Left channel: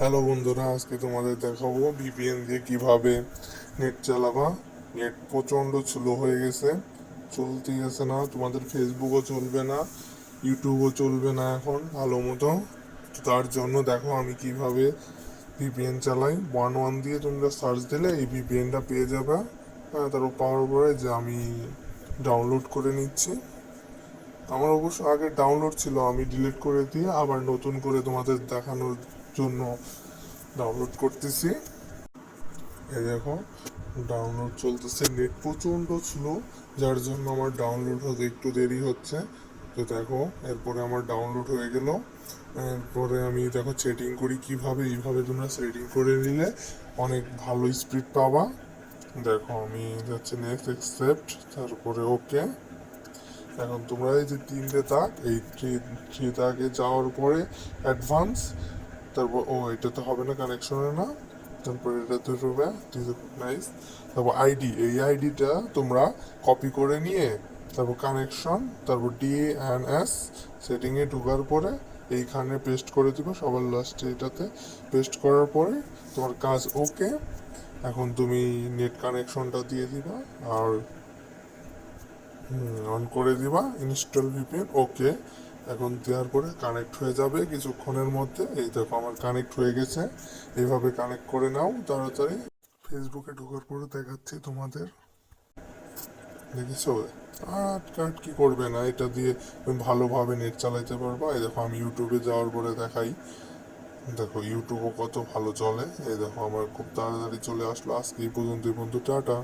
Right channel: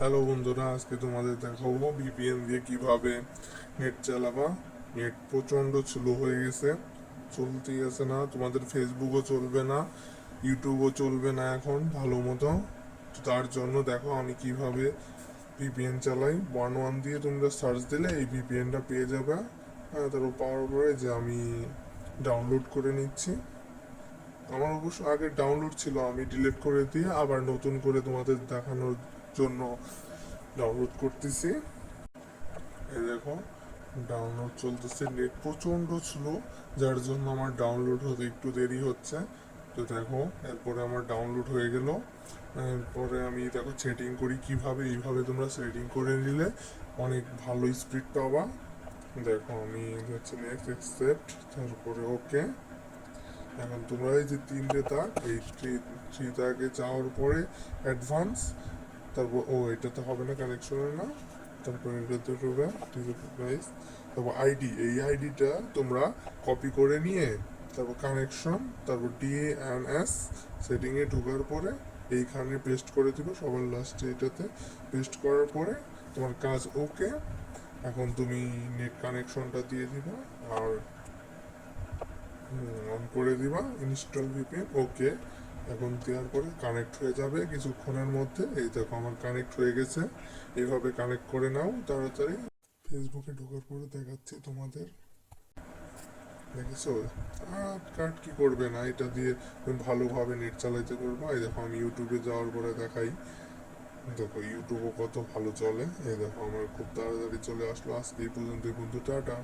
Hello বন্ধুরা, আজকে তোমাদের দেখাবো ভিপিএন দিয়ে কিভাবে নেট চালাবা। নেট প্রচণ্ড স্লো হয়ে গেছে, চলতেই গেছে না, তোমাদের ফেসবুকও চলবে না, ইউটিউবও চলবে না এখন ভালো মতো। তার জন্য দেখো আমি কিভাবে ভিপিএন চালাই। 1 দিয়ে তোমরা সার্চ দিলে এই ভিপিএনটা পেয়ে যাবে। হ্যাঁ, তারপর পাওয়ার পরে যে আমি ডাউনলোড করে নিচ্ছি। আমার অবশ্য আগে ডাউনলোড ছিল, আমি ডিলিট করে দিয়ে আবার নতুন করে তোমাদের দেখানোর জন্য ডাউনলোড করতেছি। এই দেখো ডাউনলোড চলতেছে, নেট প্রচণ্ড স্লো, যার জন্য আমার ডাউনলোড হতে একটু দেরি হচ্ছে। তো দেখো এরপরে আমার ডাউনলোড হয়ে গেল। এরপরে আমি দেখো সেটিং করি কিভাবে। এইভাবে তোমরা সেটিং করে নিলে অনেক ভালো স্পিড পাবা। দেখো আমি যাচ্ছি নেক্সট অ্যাকসেপ্ট, তারপরে ওকে। এখন তোমরা এই যে তিনটে দাগ, এই থ্রি দাগে যাওয়ার পরে অ্যাডভান্স, তারপর এটা তো হবে না, কানেকশনে না। তারপর এটাতে ঢুকবে, নাইস। তারপর আইডি, এই আইডিটা তোমরা কপি করে নিয়ে তারপর কানেকশন, তারপর ডিএনএস সেটিংয়ে ঢোকার পরে এইখানে পেস্ট করে দিবা সবার লাস্টে। এটাতে পেস্ট করার পরে তোমার কাজ ওকে। এখন তুমি নেট কানেকশনটা দিয়ে দিবা আর অন করে দিবা, ইনস্টল ভিপিএন ওকে। এখন দেওয়ার পরে কানেক্ট হয়ে যাবে কিছুক্ষণের মধ্যে। এই দেখো আমার কানেক্ট হয়ে গেছে। এইভাবে কানেক্ট করে নাও তাড়াতাড়ি। ফেসবুকে ঢোকার পরে দেখাচ্ছি তোমাদের, দেখেছো? আর কাট কি করবে না, এটা দিয়ে তুমি ভালোভাবে নেট চালাইতে পারবা। এই দেখো আমি ইউটিউবে যাওয়ার পরে দেখাই, দেখো ইউটিউবও কত ভালো চলে। এই দেখো আমার খুব তাড়াতাড়ি চলে আসলো। আজকে এই পর্যন্তই বন্ধু, টাটা।